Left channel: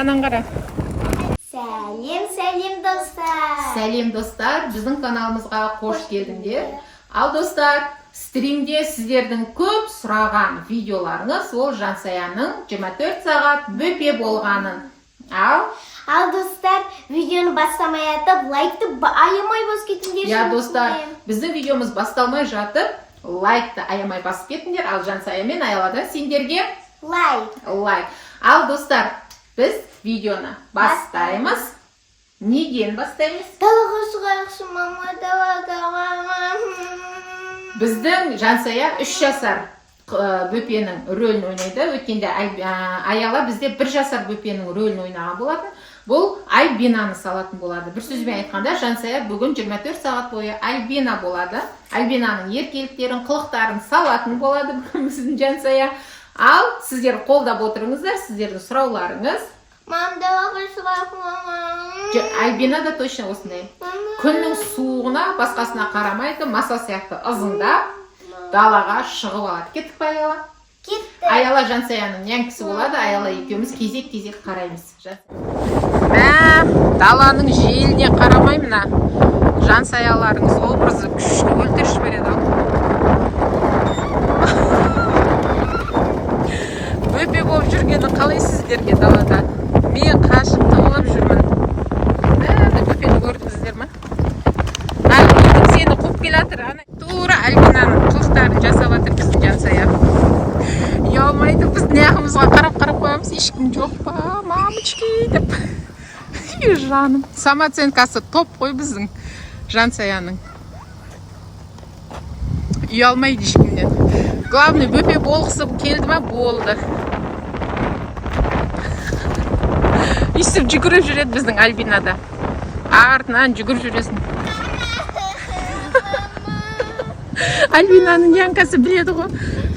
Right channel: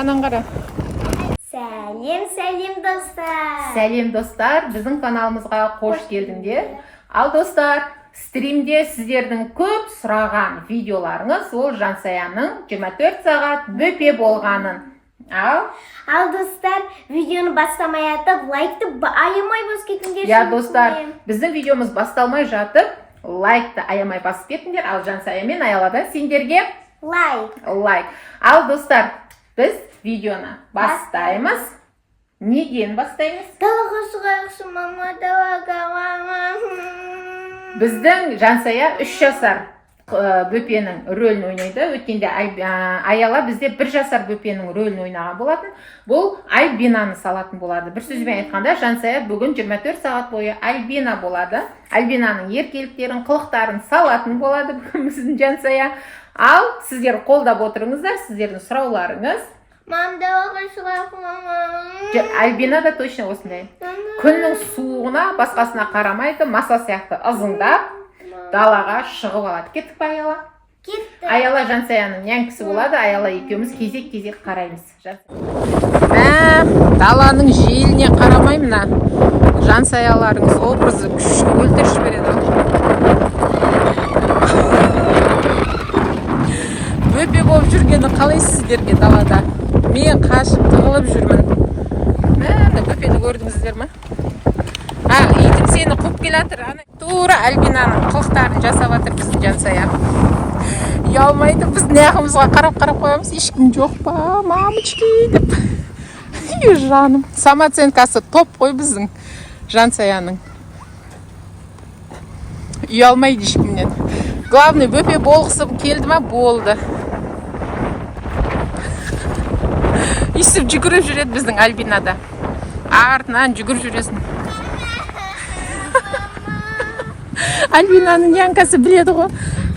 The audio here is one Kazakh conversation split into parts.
анан кара. Сәлем достар. Сәлем достар, біздің каналымызға қош келдіңдер. Ал достар, стримде сіздердің көп сұраған видеоларыңыз ол Жансаяның 24 сағат бөпе болғанын. Ал достар, видеоны бастамай атып, лайкты аямай басып кетіңдер. Я достар, біздің видеомыз басталмай жатып, лайкты аямай басып кетіңдер. Ал Жансая мен Аяладан сендерге лайк. Ал достар, біз видеоны бастаймыз. Неден бастаймыз? Далаға шығайықшы, мама, далаға. Біздің Жансая 3 жасар бөпенің рөлін ойнайды. Өткенде Аяла бізде 1 жасар бөпенің рөлін ойнаған болатын. Бұл Альбинаны салатын болады. Бір сөзбен айтқанда, Жансая бүгін 24 сағат бойы Альбина болады. Альбинаның еркеліктерін, қылықтарын салатын болады біздің Жансая. Ал сіздер қолдап отырыңыздар, сіздердің сұрауларыңыз. Мам, далаға шығайық. Альбина да точно осындай. Күннің суығына, басқасына қарамайды, маса сияқты ызыңдап, далаға шығып алады. Кеттік па, Аяла? Кетті. Аяла Жансаяның нянкісі болады, Аяла екеуміз кезек-кезек қараймыз. Даланың желіне қарамай мына Жансаяларыңыз образы күшті өлтіріп жібереді. Бөпе болып жүргені қалай сіздерге далада? Мен қашып тығылып жүрмін. Бөпені көрдіңіздер ма? Итім сені қуып келатыр. Тура Альбинаның қылықтарын жасап жатыр біздің Жансая. Ұялмайды, біз неғымызға қарап қоямыз. Ешкім жоқ па, мамочки деп. Жаным. Самооценкасы топ қой біздің Жансаяның. Ұялмайды ешкімнен. Главный бөпе болғысы келді ма, болды. Естіп жүгіріп жүреді біздің Альбинада. Артынан жүгіріп жүресің. Альбинаның янкасы біледі ғой.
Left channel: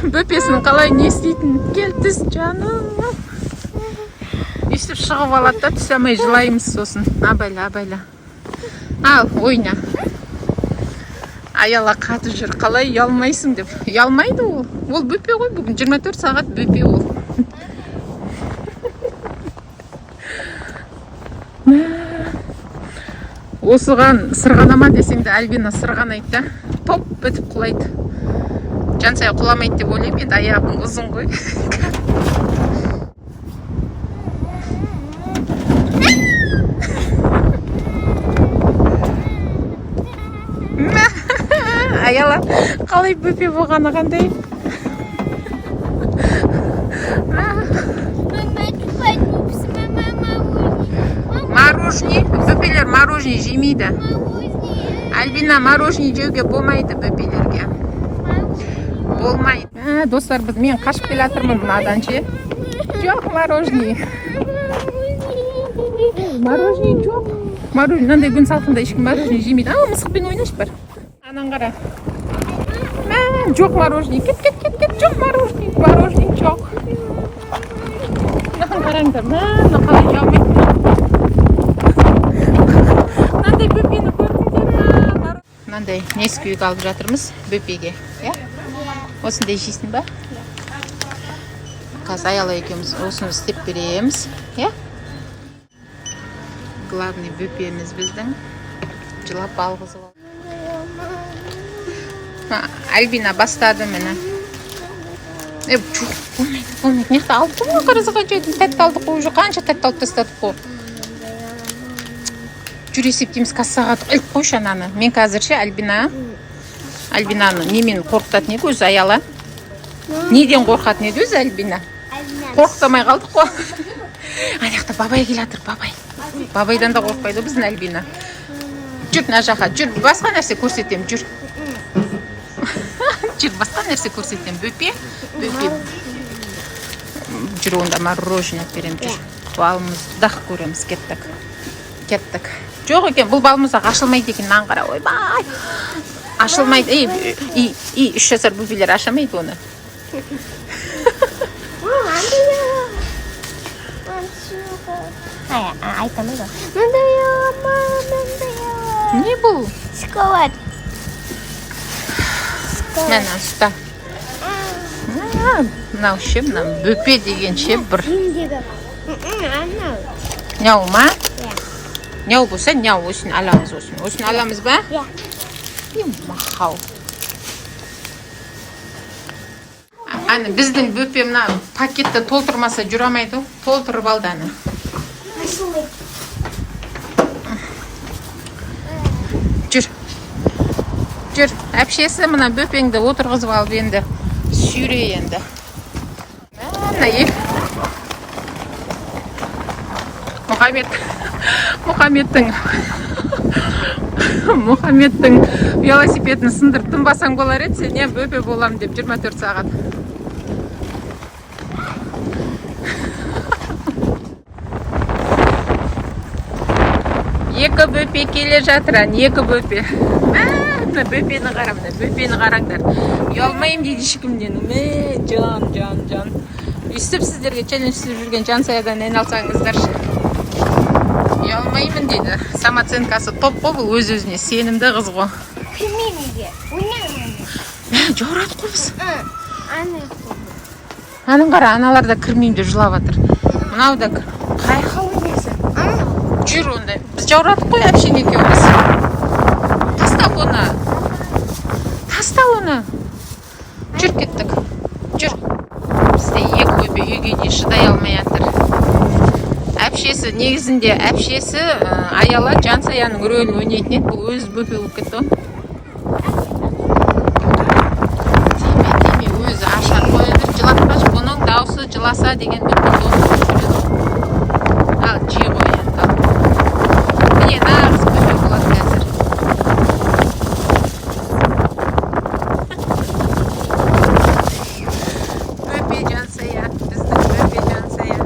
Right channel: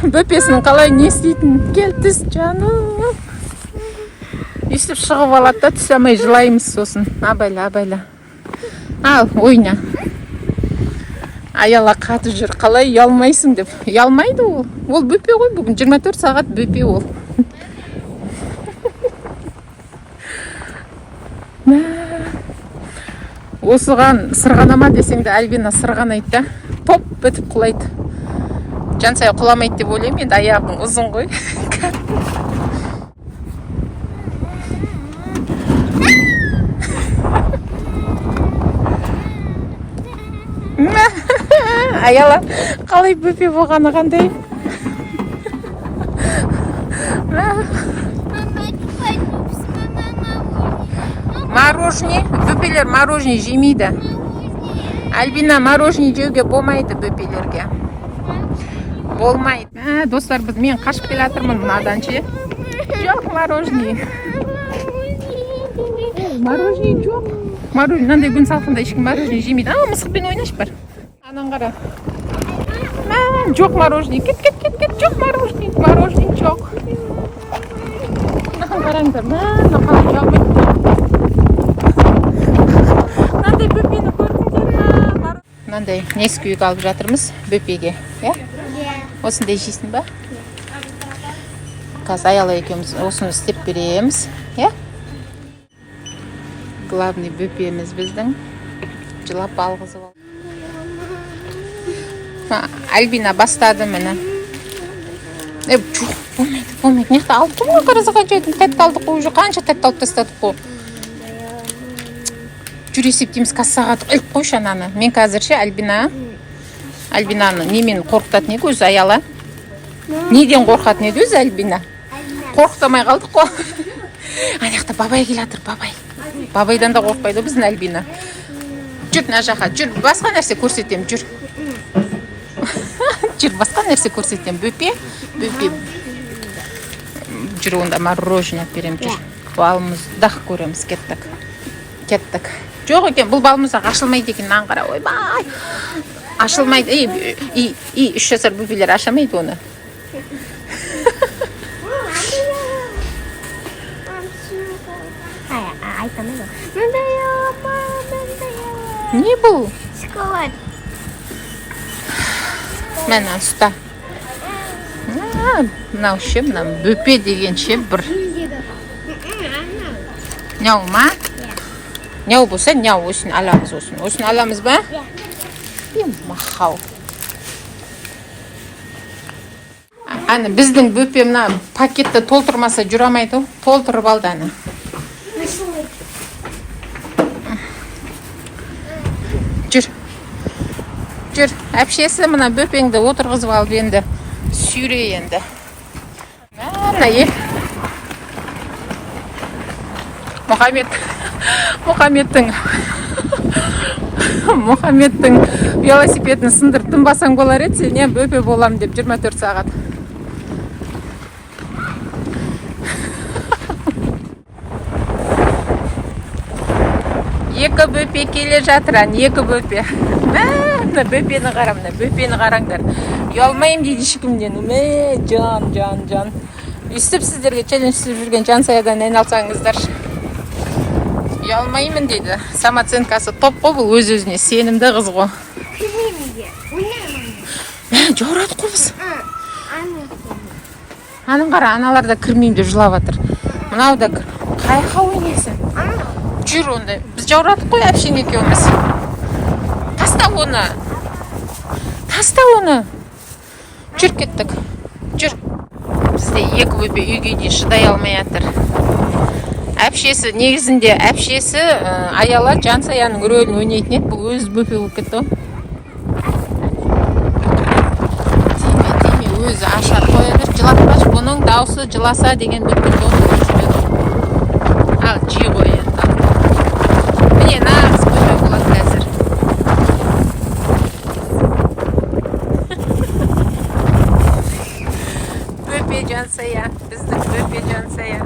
Бөпесінің қалай не істейтін. Кел түс, жаным. Естіп шығып алады да, түс алмай жылаймыз сосын. Абайла. Ал, ойна. Аяла қатып жүр. Қалай ұялмайсың деп. Ұялмайды ол. Ол бөпе ғой бүгін. 24 сағат бөпе ол. Осыған сырғанама десеңді Альбина сырғанайды да, топ бітіп құлайды. Жансая құламайды деп ойлаймын, енді аяғың ұзын ғой. Аяла қалай бөпе болғаны қандай? Мороженое, бөпелер мороженое жемейді. Альбина мороженое жеуге болмайды бөпелерге. Болмайды. Достар, мен қашып келе жатырмын мынадан ше. Жоқ мороженое. Мороженое жоқ. Мороженое, мынандай күн салқында ешкім мороженое жемейді. Мысықпен ойнаш бар. Анан қара. Жоқ мороженое. Кет. Жоқ мороженое. Мороженое жоқ. Мынаған қараңдар. Қалай ұялмайды. Мынандай бөпені көрдіңдер ма? Мынандай несквик алып жатырмыз бөпеге. Осындай жейсің ба? Қазір Аяла екеуміз осыны істеп береміз. Главный бөпеміз біздің. Жылап алғызып алды. Альбина бастады мені. Болмайды. Неқті алып қой, қарызыға жайдың тәтті алдық қой, қанша тәтті алып тастадық қой. Жүр есептейміз, кассаға іліп қойшы ананы. Мен қазірше Альбинаны немен қорқытатын еді өзі Аяла? Неден қорқатын еді өзі Альбина? Қорқытамай қалдық қой. Аяқта бабай келатыр, бабай. Бабайдан да қорқпайды біздің Альбина. Жүр, мына жаққа, жүр, басқа нәрсе көрсетем, жүр. Жүр, басқа нәрсе көрсетем, бөпе. Жүр, онда мороженое берем, жүр. Балымыз дақ көреміз, кеттік. Жоқ екен, бұл балымызға ашылмайды екен, нан қара, ойбай. Ашылмайды, 3 жасар бөпелер ашамайды оны. Не бұл? Шоколад. Мен ұста. Мынау ше, бөпе деген ше бір. Няу ма? Няу болса, няу осыны аламыз осыны. Осыны аламыз ба? Мақау. Аны біздің бөпе мына пакетті толтырмаса жүрамайды. Толтырып алды аны. Жүр. Жүр. Әпшесі мына бөпеңді отырғызып алып енді. Сүйре енді. Мына Мұхаммедтің велосипедін сындырып тынбасаң болар еді, сен я бөпе болам деп 24 сағат. Екі бөпе келе жатыр, екі бөпе. Мына бөпені қараңдар. Ұялмайым дейді ешкімнен. Жан. Үстіп сіздерге челлендж істеп жүрген Жансаядан айналсаңыздар. Ұялмаймын дейді. Самооценкасы топ қой, бұл өз-өзіне сенімді қыз ғой. Жаурады қой біз. Аның қара, аналар да кірмейді жылап жатыр. Мынау да қайқа ойнесі. Жүр ондай. Біз жаурадық қой әпшен екеуміз. Таста оны. Жүр кеттік. Жүр. Бізде екі бөпе үйге де шыдай алмай жатыр. Әпшесі негізінде Аяла Жансаяның рөлін ойнайтын еді. Бұл өз бөпе болып кетті. Өзі ашар қойды. Жылатпашы, бұның даусы жыласа деген бөпе болды. Ал жей қой енді. Міне нағыз бөпе болады қазір. Бөпе Жансая, біздің бөпе Жансая.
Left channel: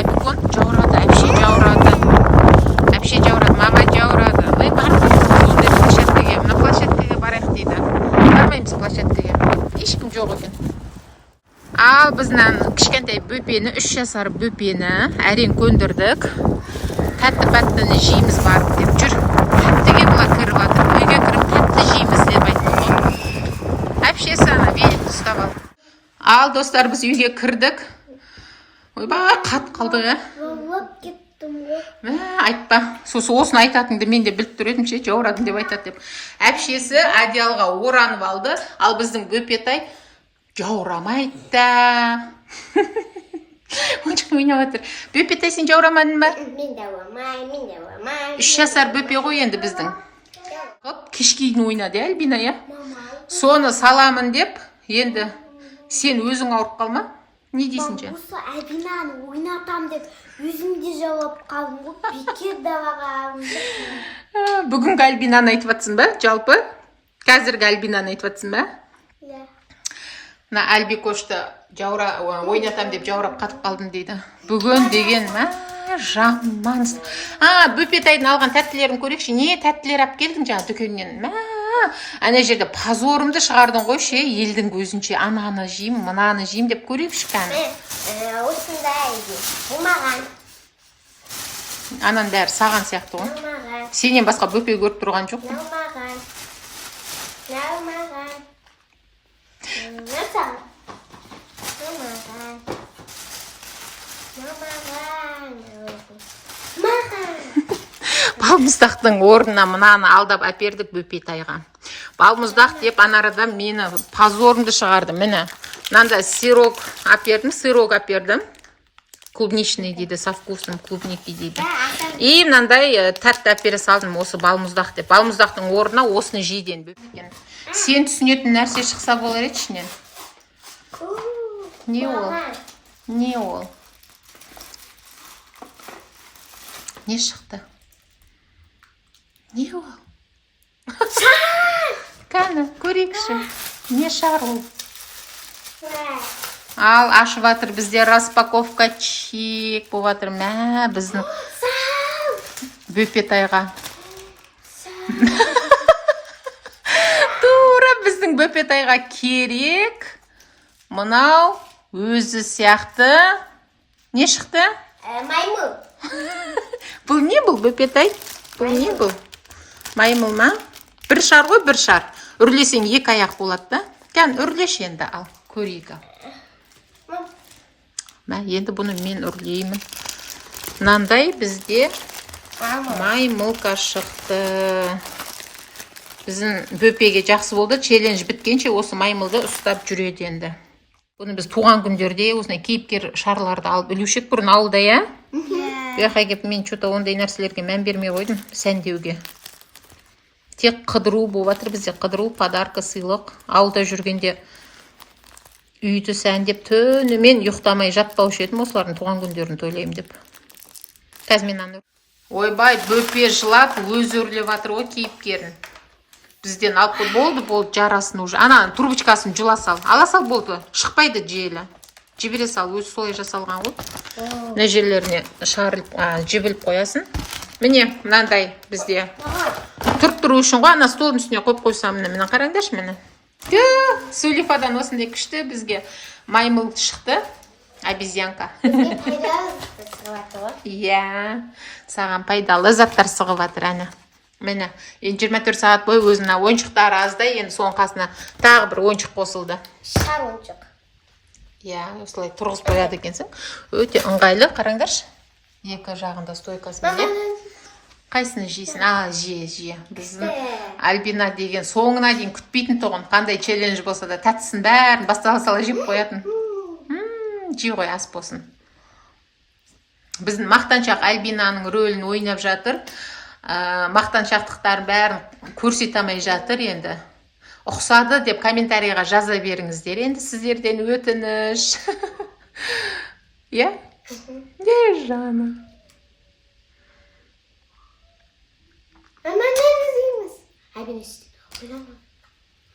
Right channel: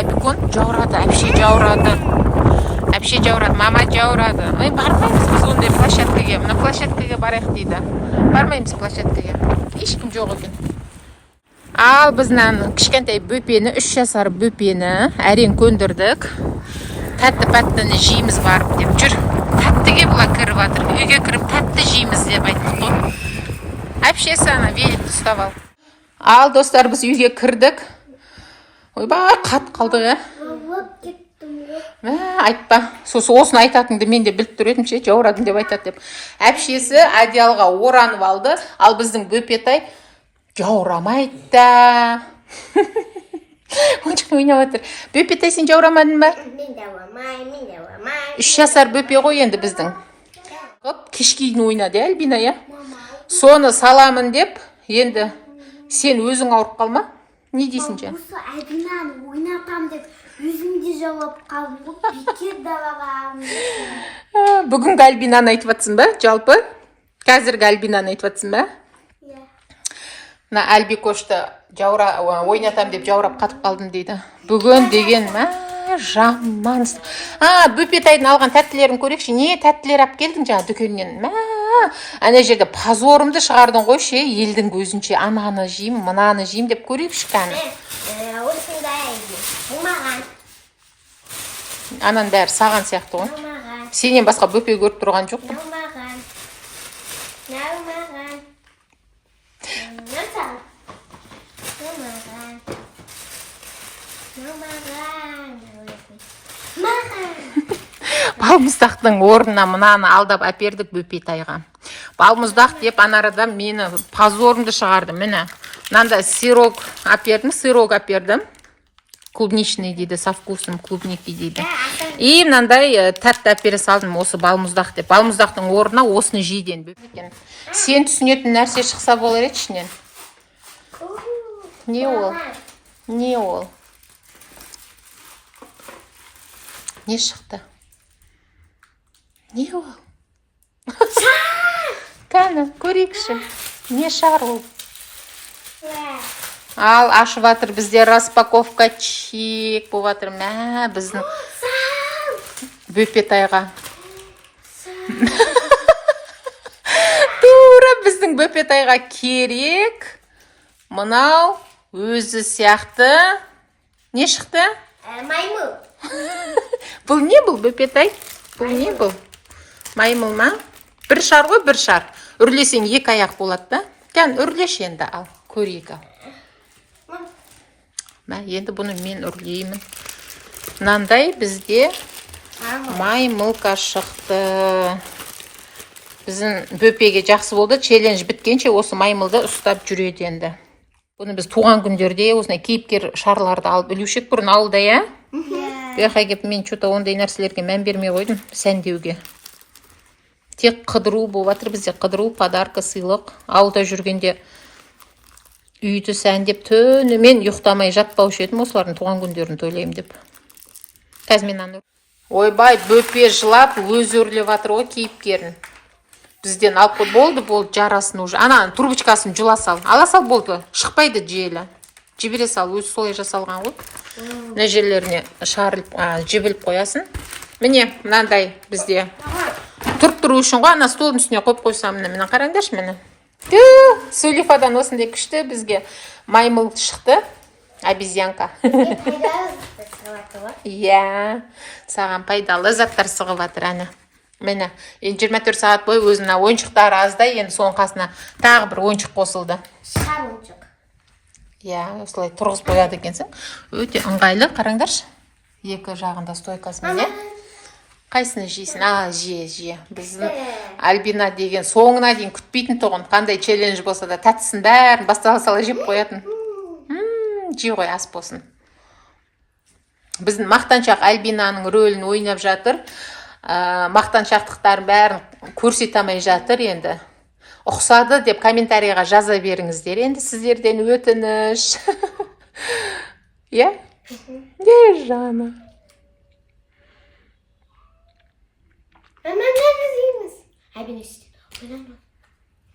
Әбікон жаурады, әпше жаурады, мама жаурады. Бармаймыз сондай площадкаге, мына площадкаге барайық дейді. Бармаймыз площадкаге, ешкім жоқ екен. Ал біздің кішкентай бөпені, 3 жасар бөпені әрең көндірдік. Тәтті-пәттіні жейміз барып деп жүр. Тәттіге бұла кіріп атыр, үйге кіріп тәтті жейміз деп айттым ғой. Әпшесі ана беліп ұстап ал. Ал достар, біз үйге кірдік. Ойбай, қат қалдық, айтпа. Осыны айтатынды мен де біліп тұр едім, жаурадың деп айтады деп. Әпшесі одеялға оранып алды, ал біздің бөпетай жаурамайды да. Оншық ойнап отыр. Бөпетай, сен жаурамадың ба? Мен жаурамай. 3 жасар бөпе ғой енді біздің. Кешкейін ойнады, Альбина, я? Соны саламын деп, енді сен өзің ауырып қалма. Не дейсің жа? Осы Альбинаны ойнатам деп өзімде жауап қалдым. Бекер даваға алым. Бүгінгі Альбинаны айтып атсың ба, жалпы? Қазіргі Альбинаны айтып атсың ба? Мына Альбикошты ойнатам деп жаурап қатып қалдым дейді. Бүгін деген, жаман. Бөпетайдың алған тәттілерін көрекші. Не тәттілер ап келдің жаңа дүкеннен? Ана жерде позорымды шығардың қойшы, елдің көзінше ананы жейм, мынаны жейм деп көрекші кәні. Осындай болмаған. Анан бәрі саған сияқты ғой. Сенен басқа бөпе көріп тұрған жоқ қой. Балмұздақтың орнына мынаны алдап әпердік бөпетайға. Балмұздақ деп анарада мені позорымды шығарды. Міне, мынанда сырок әпердім. Клубничный дейді, со вкусом клубники дейді. И мынандай тәтті әпере салдым, осы балмұздақ деп. Балмұздақтың орнына осыны жейден бөпекен. Сен түсінетін нәрсе шықса болар еді ішінен. Не ол? Не шықты? Не ол? Кәні, көрекші. Не шар ол? Ал, ашып атыр, бізде распаковка чек болып атыр. Біздің бөпетайға. Тура біздің бөпетайға керек. Мынау өзі сияқты. Не шықты? Маймыл. Бұл не бұл бөпетай? Бұл не бұл? Маймыл ма? Бір шар ғой, бір шар. Үрлесең екі аяқ болады да. Кән, үрлеш енді ал, көрейік ал. Енді бұны мен үрлеймін. Мынандай бізде маймылка шықты. Біздің бөпеге жақсы болды. Челлендж біткенше осы маймылды ұстап жүреді енді. Бұны біз туған күндерде осындай кейіпкер шарларды алып үлушек бұрын ауылда, я? Бұяққа келіп мен что-то ондай нәрселерге мән бермей қойдым, сәндеуге. Тек қыдыру болып жатыр бізде, қыдыру, подарка, сыйлық. Ауылда жүргенде үйді сәндеп түнімен ұйықтамай жатпаушы едім, осылардың туған күндерін тойлаймын деп. Қазір мен аны. Ойбай, бөпе жылап, өзі өрлеп жатыр ғой кейіпкерін. Бізден алып болды, жарасын уже. Ана трубочкасын жула сал. Ала сал болды, шықпайды желі. Жібере сал, өзі солай жасалған ғой. Мына жерлеріне жібіліп қоясын. Міне, мынандай бізде тұрып тұру үшін ғой, ана столдың үстіне қойып қойсам, міне қараңдаршы мені. Сулифадан осындай күшті бізге маймыл шықты. Обезьянка. Иә, саған пайдалы заттар сығып жатыр ана. Мені 24 сағат бойы өзіне ойыншықтары аздай, енді соның қасына тағы бір ойыншық қосылды. Шар ойыншық. Иә, осылай тұрғыз қояды екенсің. Өте ыңғайлы, қараңдаршы. Екі жағында стойкасы міне. Қайсыны жейсің? Жие. Біздің Альбина деген соңына дейін күтпейтін тұғын. Қандай челлендж болса да тәттісін бәрін бастала сала жеп қоятын. Жей ғой, ас болсын. Біздің мақтаншақ Альбинаның рөлін ойнап жатыр. Мақтаншақтықтарын бәрін көрсетамай жатыр енді. Ұқсады деп комментарийға жаза беріңіздер. Енді сіздерден өтініш. Иә? Де жаны. Hemen neredesiniz? Альбина işte. Oynama.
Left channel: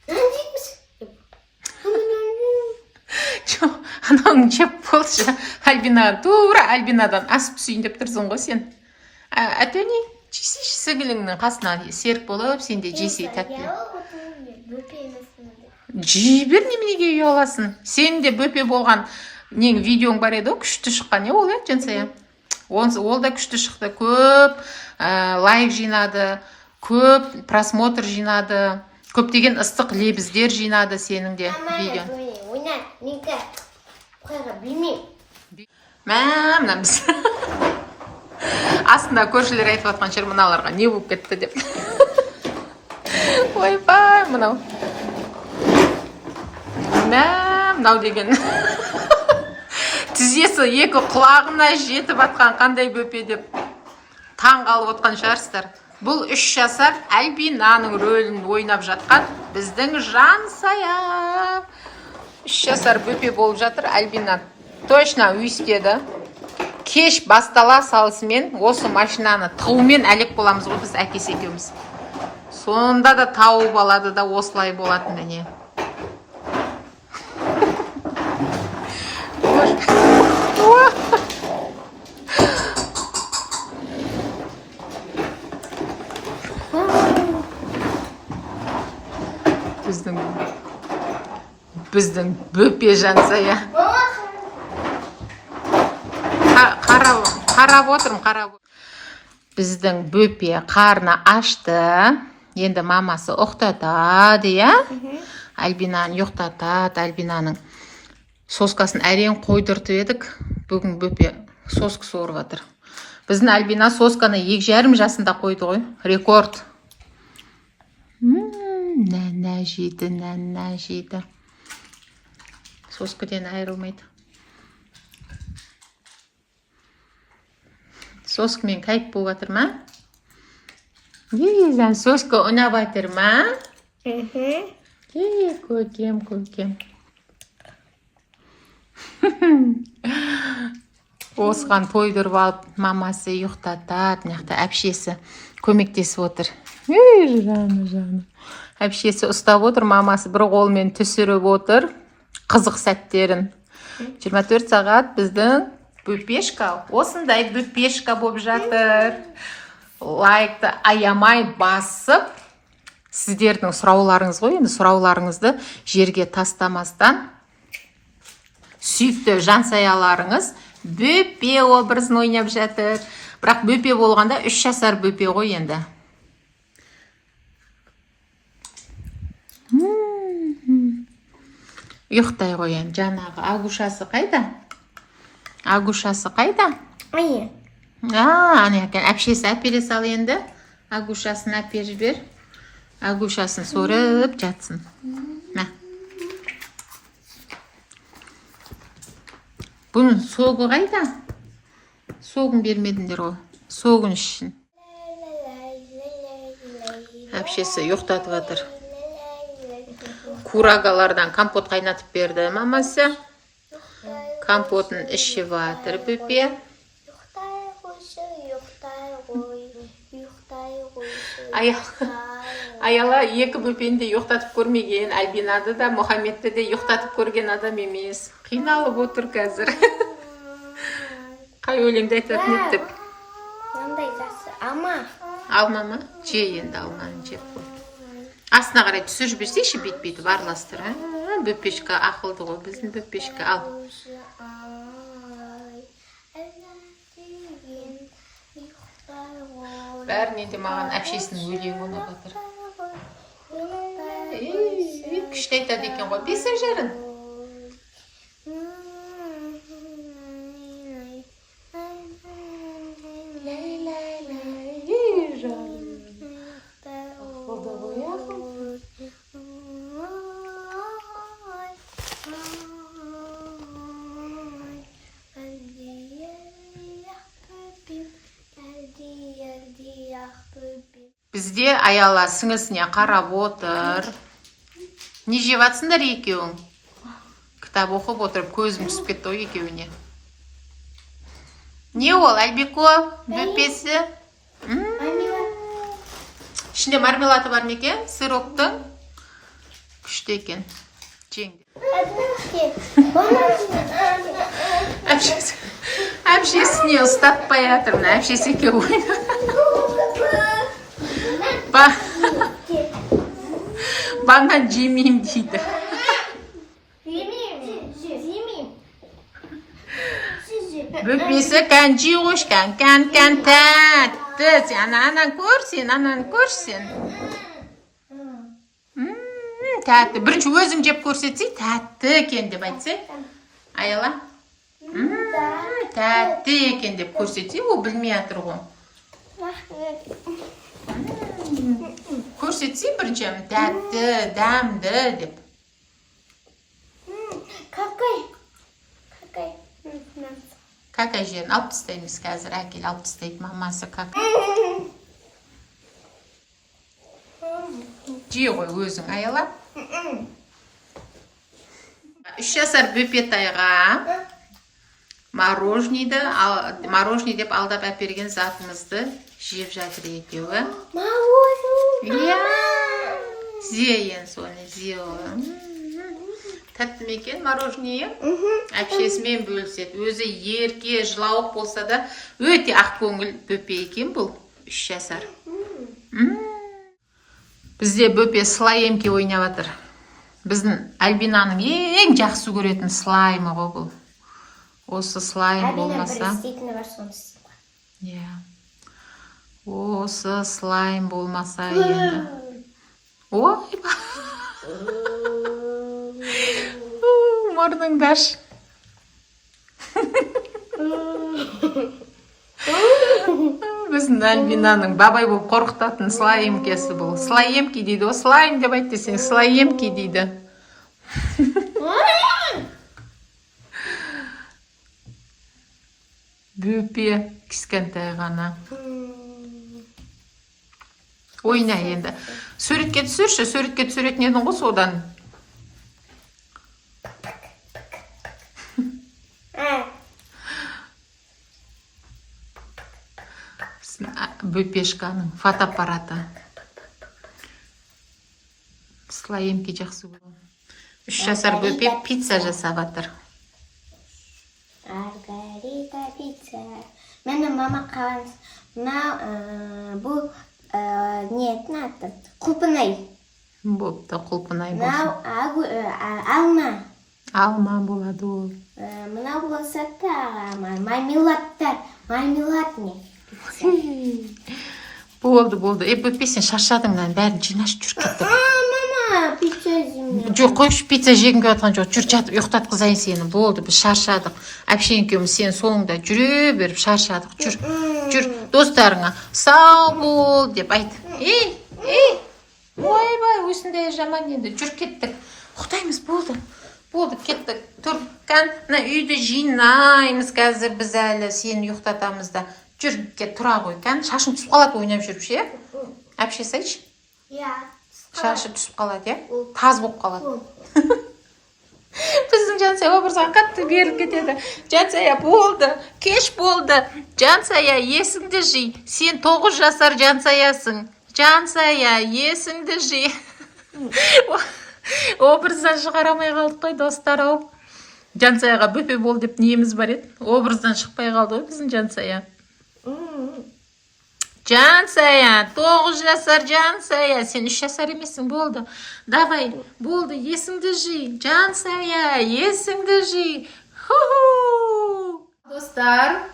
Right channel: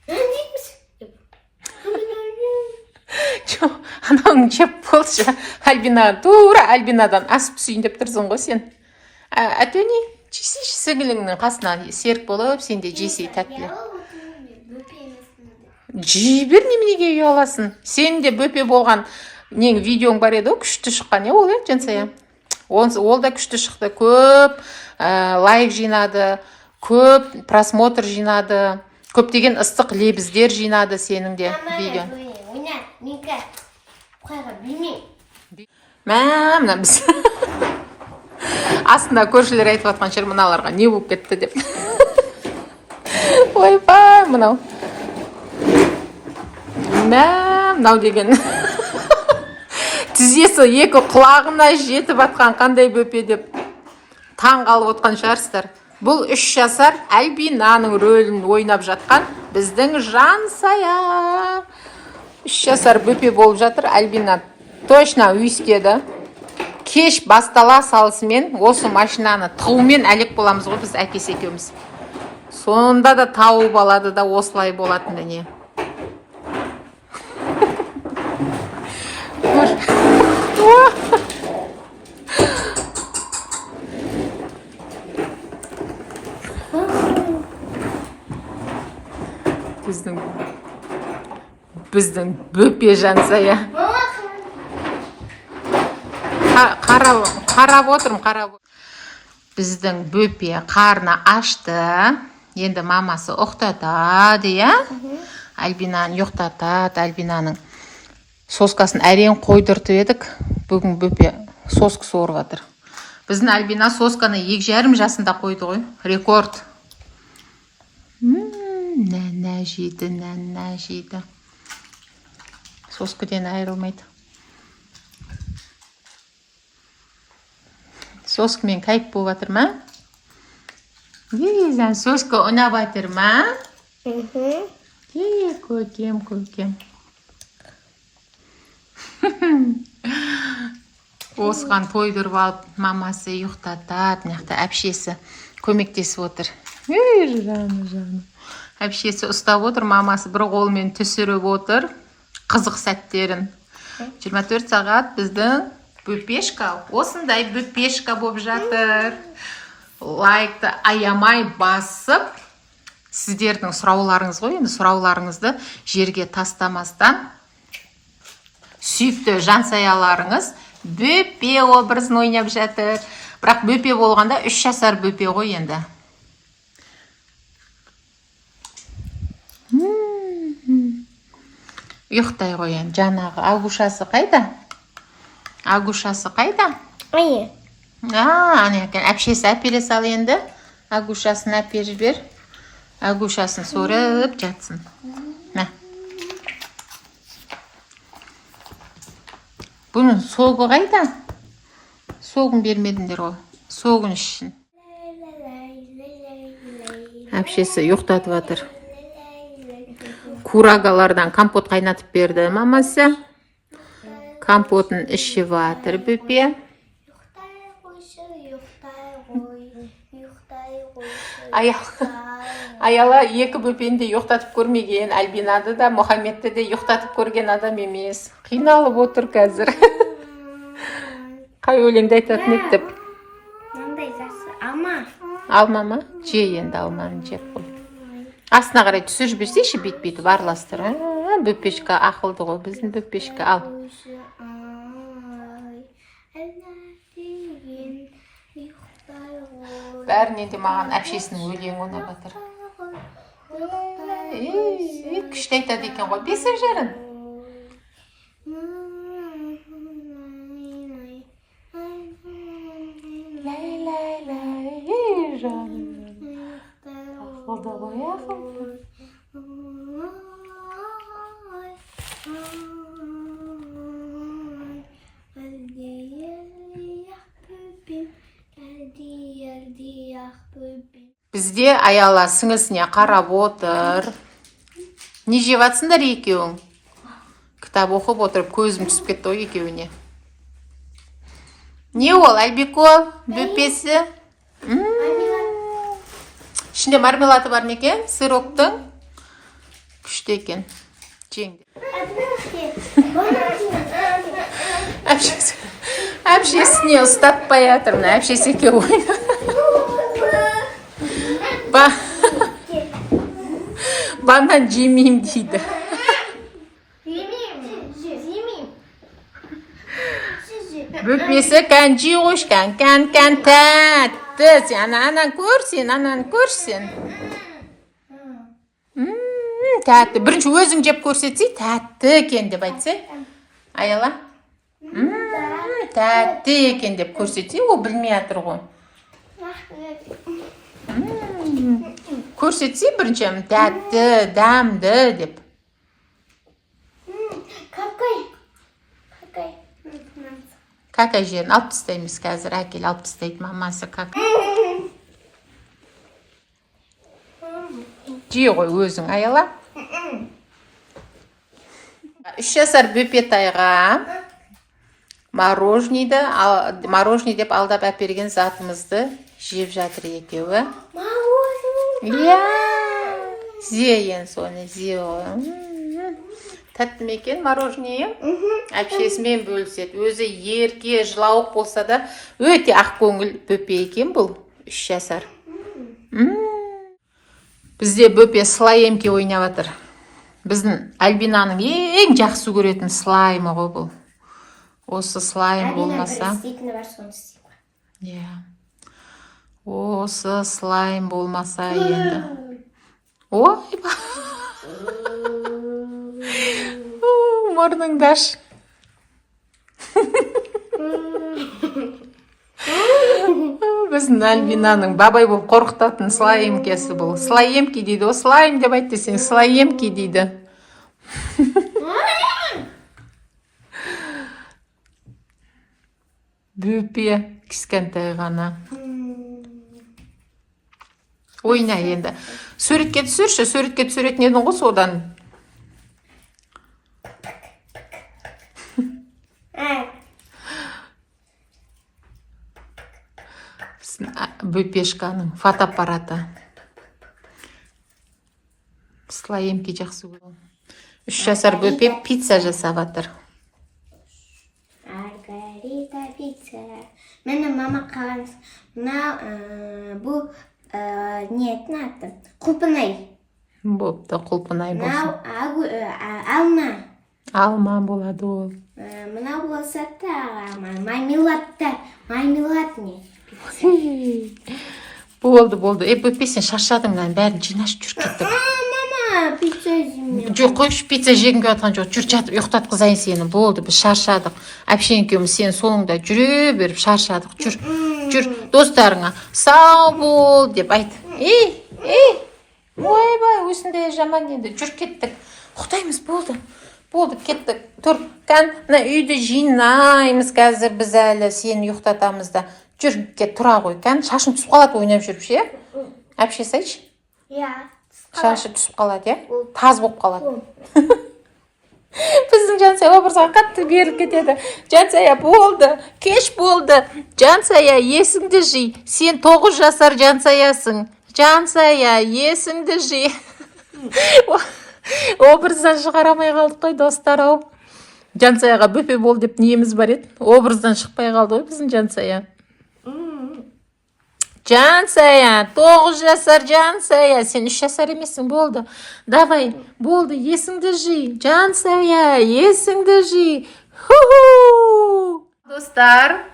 Neredeymiş? Анаң жеп болшы. Альбина, тура Альбинадан асып түсейін деп тұрсың ғой сен. Әтөне, жесейші сіңіліңнің қасына серік болып, сен де жесей тәттілі. Жейбер неменеге ұяласын. Сен де бөпе болған нең видеоң бар еді, күшті шыққан, ол жансая. Ол да күшті шықты, көп лайк жинады, көп просмотр жинады, көптеген ыстық лебіздер жинады сенің де видео. Ойна, менкі қойға білмейм. Мына біз. Астында көршілер айтып атқан шыр мыналарға не болып кетті деп. Ойбай, мынау. Мынау деген. Тізесі екі құлағына жетіп атқан қандай бөпе деп таң қалып отқан шығарсыздар. Бұл 3 жасар Альбинаның рөлін ойнап жатқан біздің Жансая. 3 жасар бөпе болып жатыр. Альбина точно үйістеді. Кеш бастала салысымен осы машинаны тауымен әлек боламыз ғой біз әкесі екеуміз. Сонда да тауып алады да осылай болатын не. Біздің бөпе Жансая. Қарап отырмын. Біздің бөпе қарны ашты. Енді мамасы ұқтатады, я? Альбинаны ұқтатады, Альбинаның соскасын әрең қойдыртып едік. Бүгін бөпе соск сорып жатыр. Біздің Альбина сосканы 2,5 жасында қойды ғой. Рекорд. Нәнә жейді. Соскыден айырылмайды. Соскымен кайып болып жатыр ма? Сен соска ойнап жатыр ма? Көкем. Осыған тойдырып алып, мамасы ұйықтатады, мынақты әпшесі көмектесіп отыр. Жаны. Әпшесі ұстап отыр, мамасы бір қолмен түсіріп отыр. Қызық сәттерін. 24 сағат біздің бөпешка, осындай бөпешка болып жатыр. Лайкты аямай басып, сіздердің сұрауларыңыз ғой, енді сұрауларыңызды жерге тастамастан сүйікті Жансаяларыңыз бөпе образын ойнап жатыр. Бірақ бөпе болғанда 3 жасар бөпе ғой енді. Ұйықтай қоян, жаңағы агушасы қайда? Агушасы қайда? Ай. Ана екен. Әпшесі әпере сал енді. Агушасын әпер жібер. Агушасын сорып жатсын. Мә. Бұның соғы қайда? Соғын бермедіңдер ғой. Соғын үшін. Әпшесі ұйықтатып жатыр. Курагалардан компот қайнатып берді мамасы. Компотын ішіп жатыр бөпе. Аяла екі бөпені де ұйықтатып көрмеген. Альбинады да, Мұхаммедті де ұйықтатып көрген адам емес. Қиналып отыр қазір. Қай өлеңді айтатын өттіп? Мындай жасы. Алма. Алма ма? Же енді алманы жеп қой. Астына қарай түсір жіберсейші бет-бетіп араластыр. Бөпешка ақылды ғой, біздің бөпешка. Ал. Бәрінен де маған әпшесінің өлеңі ұнап жатыр. Күшті айтады екен ғой, 5 жарым. Ақылды ғой, ақылды. Бізде Аяла сіңісіне қарап отыр. Не жеп жатсыңдар екеуің? Кітап оқып отырып көзім түсіп кетті ғой екеуіне. Не ол, Альбикол? Бөпесі? Ішінде мармелады бар некен? Сыроктың? Күшті екен. Жеңді. Әпшесіне ұстатпай жатырмын. Әпшесі екеу ойна. Банан жемейм дейді. Бөпесі кәнжи қошқан, кән тәтті. Сен анан көрсен. Тәтті. Бірінші өзің жеп көрсетсей, тәтті екен деп айтсай. Аяла. Тәтті екен деп көрсетсей, ол білмей атыр ғой. Көрсетсей бірінші тәтті, дәмді деп. Какай жерін алып тастаймыз қазір. Әкел алып тастайды мамасы какай. Жей ғой өзің, Аяла. 3 жасар бөпетайға мороженый деп алдап әперген затымызды жеп жатыр екеуі. Иә, зейін соны зей ғой. Тәтті мекен мороженый? Әпшесімен бөліседі. Өзі ерке, жылауық болса да өте ақ көңіл бөпе екен бұл. 3 жасар. Бізде бөпе слайемке ойнап жатыр. Біздің Альбинаның ең жақсы көретін слаймы ғой бұл. Осы слайм болмаса. Осы слайм болмаса енді. Ой, мұрныңдаш. Біздің Альбинаның бабай болып қорқытатын слайемкесі бұл. Слайемки дейді. О, слайм деп айтты сен. Слайемки дейді. Бөпе кішкентай ғана. Ойна енді. Суретке түсірші. Суретке түсіретін едің ғой содан. Бөпешканың фотоаппараты. Слайемки жақсы көрген. 3 жасар бөпе пицца жасап жатыр. Маргарита пицца. Мені мама қаламыз. Бұл ниетін аты. Құлпынай. Бопты, құлпынай болсын. Алма. Алма болады ол. Мына болса та мармелаттар. Мармеладный. Болды. Бөпе сен шаршадыңнан бәрін жинаш жүр кетіп. Мама, Pizza yiyeyim. Жоқ, қойшы, пицца жегім келіп жатқан жоқ. Жүр, жатып ұйықтатқызайын сені. Болды, біз шаршадық. Әпше екеуміз сен соңында жүре беріп шаршадық. Жүр, достарыңа сау бол деп айт. Ей, ойбай, осындай жаман енді. Жүр, кеттік. Ұйықтаймыз, болды, кеттік. Тұр, кән, үйді жинаймыз қазір біз әлі сені ұйықтатамыз да. Жүр, кет, тұра ғой, кән, шашың түсіп қалады ойнап жүріп ше. Әпше сайшы. Шашы түсіп қалады, таз болып қалады. Біздің Жансая образға қатты беріліп кетеді. Жансая, болды, кеш болды. Жансая, есіңді жи. Сен 9 жасар Жансаясың. Жансая, есіңді жи. Образдан шығарамай қалдық қой, достар-ау. Жансаяға бөпе бол деп неміз бар еді. Образдан шықпай қалды ғой біздің Жансая. Жансая, 9 жасар Жансая, сен 3 жасар емессің, болды. Давай, болды, есіңді жи. Жансая, есіңді жи. Достар,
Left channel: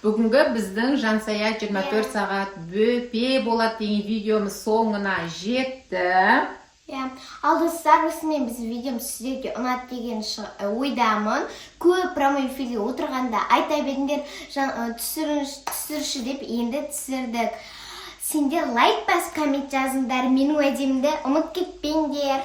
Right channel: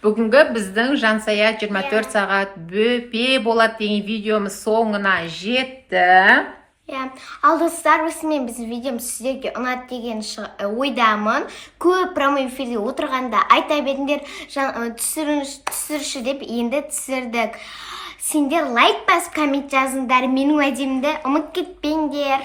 бүгінгі біздің Жансая 24 сағат бөпе болады деген видеомыз соңына жетті. Ал достар, осымен біз видеомыз сіздерге ұнады деген ойдамын. Көп прямой эфирде отырғанда айта беріңдер, түсірші деп енді түсірдік. Сендер лайк басып коммент жазыңдар, менің уәдемді ұмыт кетпеңдер.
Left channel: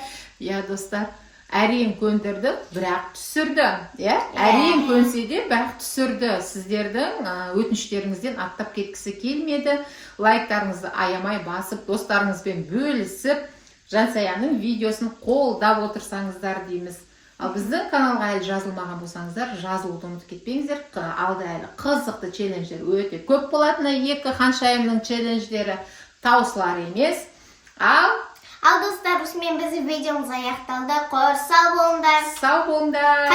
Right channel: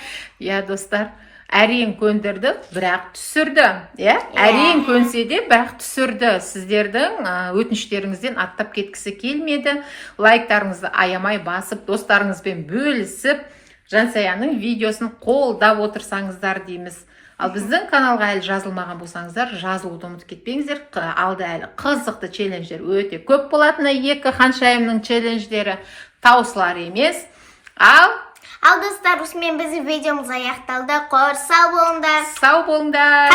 Достар, әрең көндірді, бірақ түсірді. Әрең көнсе де, бірақ түсірді. Сіздердің өтініштеріңізден аттап кеткісі келмеді. Лайктарыңызды аямай басып, достарыңызбен бөлісіп, Жансаяның видеосын қолдап отырсаңыздар дейміз. Ал біздің каналға әлі жазылмаған болсаңыздар, жазылуды ұмытып кетпеңіздер. Алда әлі қызықты челлендждер өте көп болатыны, 2 ханшайымның челлендждері таусылар емес. Ал достар, осымен біздің видеомыз аяқталды. Сау болыңдар. Сау болыңдар.